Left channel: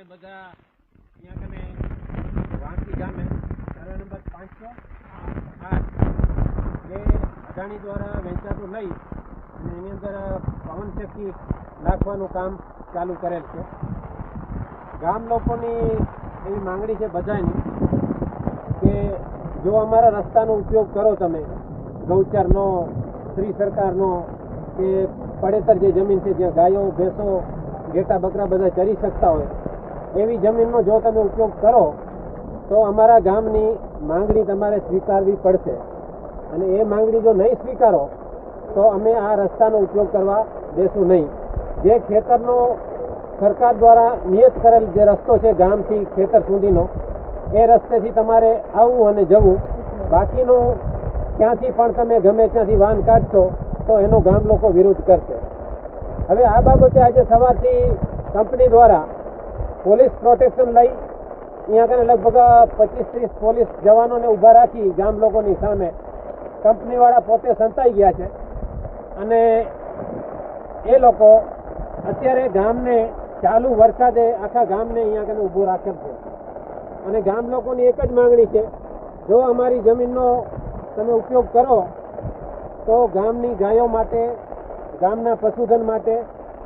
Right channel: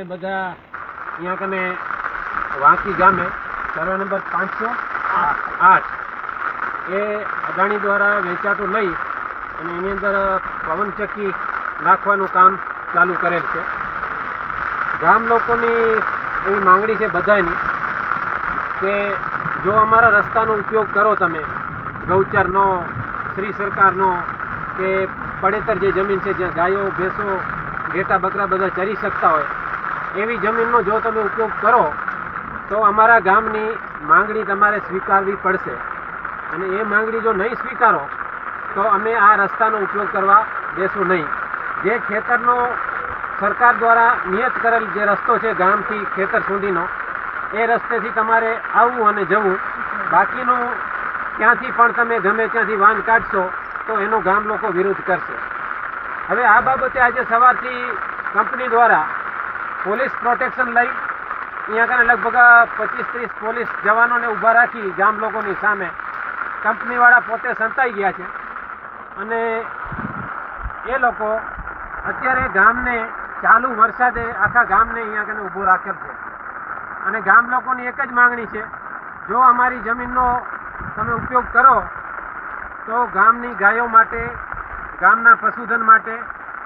આપણે બધા અહીંયા કને વાંકી ગામે સર્વે નંબર પાંચસો આઠ. એ અદાણી દ્વારા વેચાતું લઈ અને એની અંદર પવનચક્કી નાખવાનું કામ ચાલુ કરેલ છે. ગામ લોકોની એવી માંગણી છે બધાની કે જો અમારા રસ્તાનો ઉપયોગ કરો તમે, ગૌચરનો, શ્રી સરકારનો, કે પડેતર જે જમીન છે, જ્યાં ગાયો, ભેંસો, ઘેટા, બકરા બધા ચરી શકતા હોય એવી જમીનનો જો તમે ઉપયોગ કરો, તો અમારા ગામની માંગણી તમારે સ્વીકારવી પડશે. અને એ માંગણી જો નહીં સ્વીકારો, તો અમે આ રસ્તાનો ઉપયોગ કરવા દેશું નહીં. જે ખેતરનો સરકાર દ્વારા નિયત કરેલ જે રસ્તો છે ગામથી ખેતર સુધીનો, એ રસ્તેથી તમારે આવવું અને જવું. બાકીનું ક્યાંથી પણ તમે ગમે ત્યાંથી વાહન કાઢશો, તો એનો ગામ લોકો વિરોધ કરશે. હવે આ બાબતે આજે સવારથી કંપની દ્વારા પોલીસ પ્રોટેક્શન લઈ અહીંયા કને લગભગ પચીસ ત્રીસ પોલીસ જવાનોને ઊભા રાખી ગામ લોકોની સામે કંપનીવાળા પોતે સંતાઈ ગયા છે. અને એ લોકો અત્યારે ગામને ચાલુ વરસાદે આખા ગામને અહીંયા કને ઊભું રાખેલ છે. અને ગામ લોકોની એક જ માંગણી છે, જો અમારી જમીનનો તમે ઉપયોગ કરો, તો ગામની ગાયો માટે, ગામના પશુધન માટે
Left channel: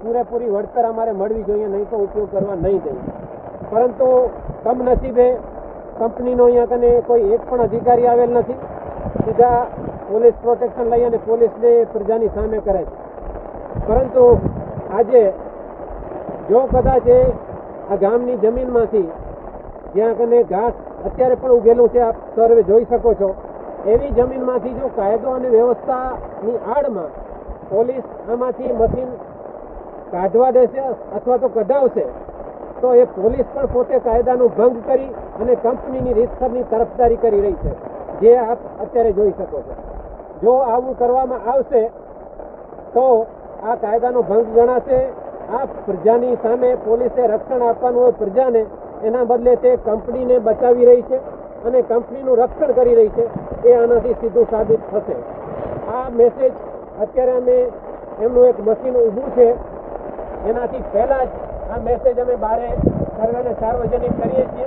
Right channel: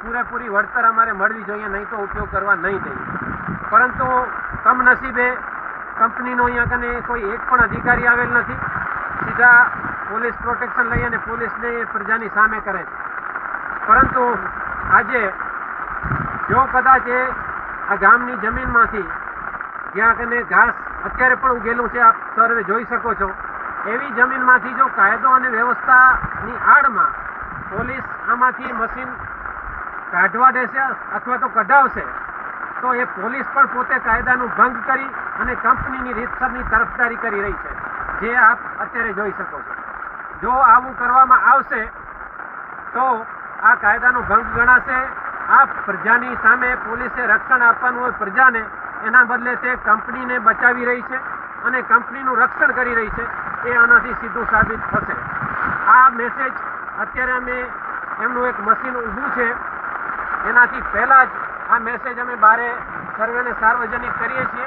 પૂરેપૂરી વળતર અમારે મળવી જોઈએ, નહીં તો ઉપયોગ કરવા નહીં દે પરંતુ કમનસીબે કંપનીનો અહીંયા કને કોઈ એક પણ અધિકારી આવેલ નથી. સીધા પોલીસ પ્રોટેક્શન લઈ અને પોલીસને પ્રજાની સામે કરે છે. પરંતુ આજે જો કદાચ એ આ ગામની જમીનમાંથી જ્યાં કને ઘાસ અત્યારે પણ ઉગેલું છે, આપ સર્વે જોઈ શકો છો, એવી જમીનમાંથી જો કાયદો અને વ્યવસ્થાની આડમાં પોલીસ આમાંથી મશીન કાઢવા દેશે અથવા તો કઢાવશે, તો એ પોલીસ પણ પોતે કાયદાનું ભંગ કરી અને કંપનીની રીતસરની તરફદારી કરી રહી છે. જે આપ અત્યારે જોઈ શકો છો. જો આવું કરવામાં આવશે, તો આ કાયદાનો ભંગ ગણાશે. આ પ્રજાની સામે પોલીસે રક્ષણ આપવાનું હોય પ્રજાને, એના બદલે તે કંપનીને બચાવી રહી છે અને કંપનીનું રક્ષણ કરી રહી છે, એ આનાથી સીધું સાબિત થશે. આ મેસેજ અત્યારે અમે, એમનું એક મશીન ઊભું છે. એનાથી પહેલાં જ આ મેસેજ અમે બારે સર્વેને સાર્વજનિક કરીએ છીએ.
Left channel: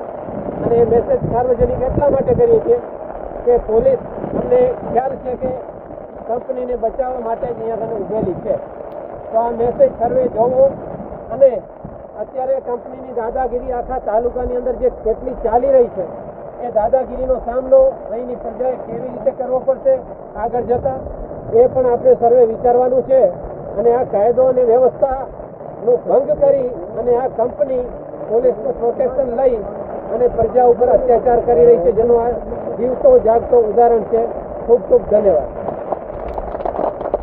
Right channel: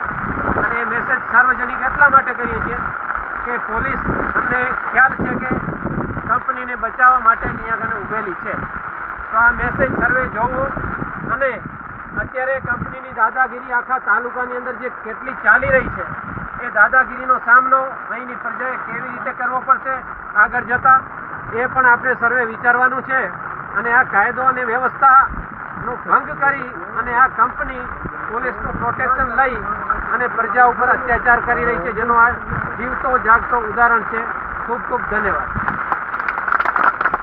અને એ મેસેજ સાર્વજનિક એટલા માટે કરીએ છીએ કે પોલીસ અમને ખ્યાલ છે કે કંપનીને બચાવવા માટે અહીંયા આગળ ઊભેલી છે. તો આ મેસેજ સર્વે જોવો. અને અત્યારે કંપનીની દાદાગીરી આખા તાલુકાની અંદર જે કેટલી ચાલી રહી છે, એ દાદાગીરીનો સામનો અહીંની પ્રજાએ કેવી રીતે કરવો પડશે, આગળ જતા એ પણ આપણે સર્વે વિચારવાનું છે. અને આ કાયદો અને વ્યવસ્થાનો ભંગ કરી અને આ કંપની પોલીસનું પ્રોટેક્શન લઈ અને પ્રજા ઉપર અત્યાચાર કરી રહી છે. જેનું આ જીવતો જાગતો ઉદાહરણ છે. ખૂબ ખૂબ ધન્યવાદ.